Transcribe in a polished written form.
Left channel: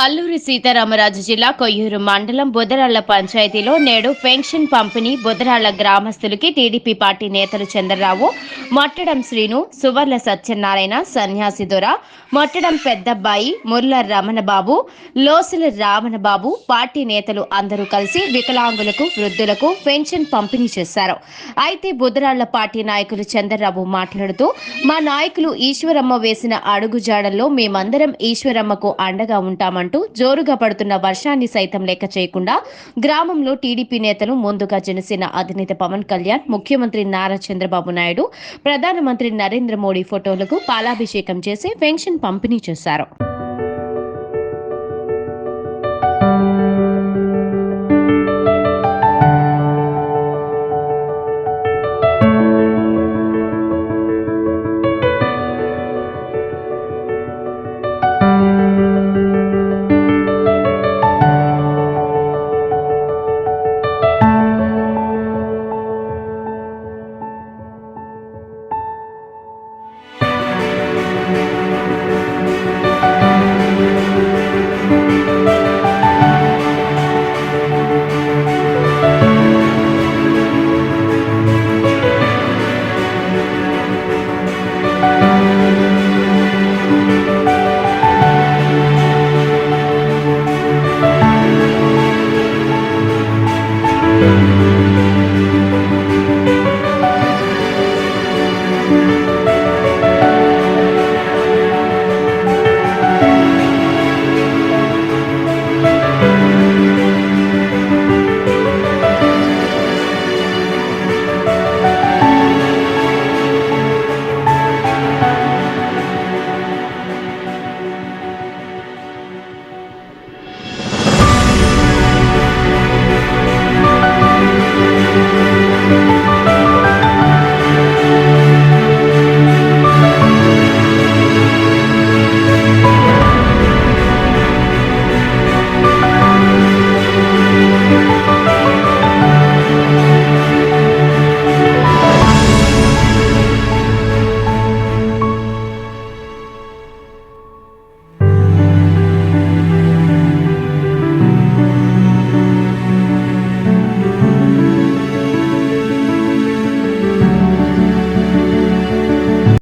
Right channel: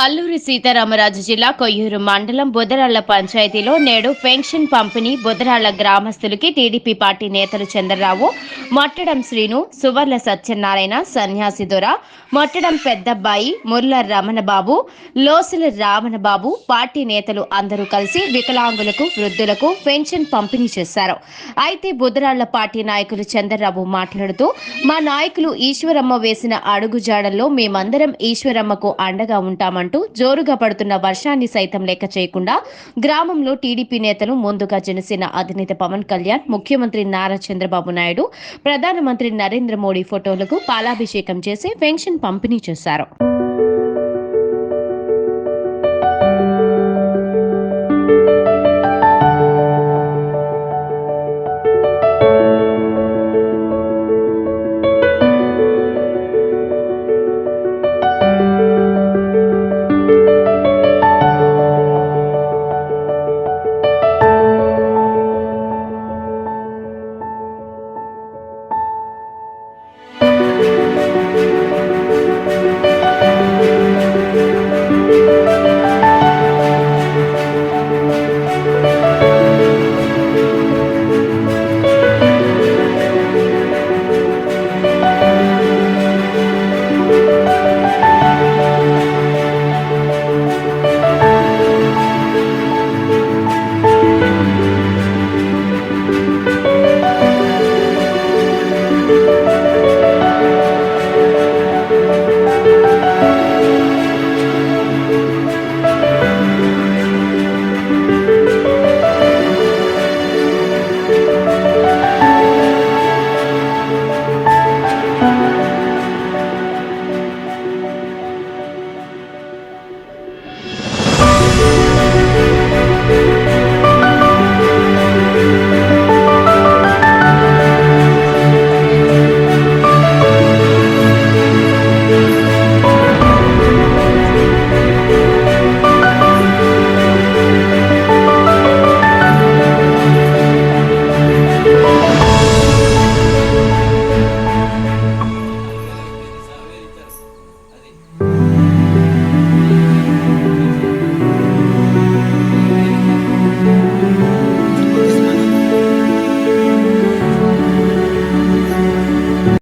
అల్లూరి సీతారామరాజు జిల్లా కొయ్యూరు మండలం బుదరాళ్ల పంచాయతీలో నేడు పెన్షన్ పంపిణీ బుదరాళ్ల గ్రామస్తులకి టీడీపీ పార్టీ నేతలు చంద్రరావు, మొట్టడం శ్రీను, సువర్ల సత్యనారాయణ, సన్యాసి దొర, మొట్టడం పెద్దబ్బాయి, ముర్ల రమణబాబు, లోసుల రామణబాబు పార్టీ నేతలు అందరూ కలిసి వికలాంగులకు, వృద్ధులకు పెన్షన్ పంపిణీ చేశారు. అయితే బుదరాళ్ల పార్టీ నాయకులు చంద్రరావు మాట్లాడుతూ, మా నాయకులు ఈశ్వరమ్మ వేసిన అడుగుజాడల్లో మేమందరం ఈశ్వరమ్మకు అండగా ఉంటామని అంటూ జోరుగా పడుతున్న వర్షాన్ని సైతం లెక్క చేయకుండా గ్రామంలో టీడీపీ నేతలు ముందుగా జనసేన అధినేత పవన్ కళ్యాణ్, ముఖ్యమంత్రి నారా చంద్రబాబు నాయుడు, ప్రధానమంత్రి నరేంద్ర మోడీ ఫోటోలకు పాలాభిషేకం చేసి పెన్షన్ పంపిణీ చేశారు.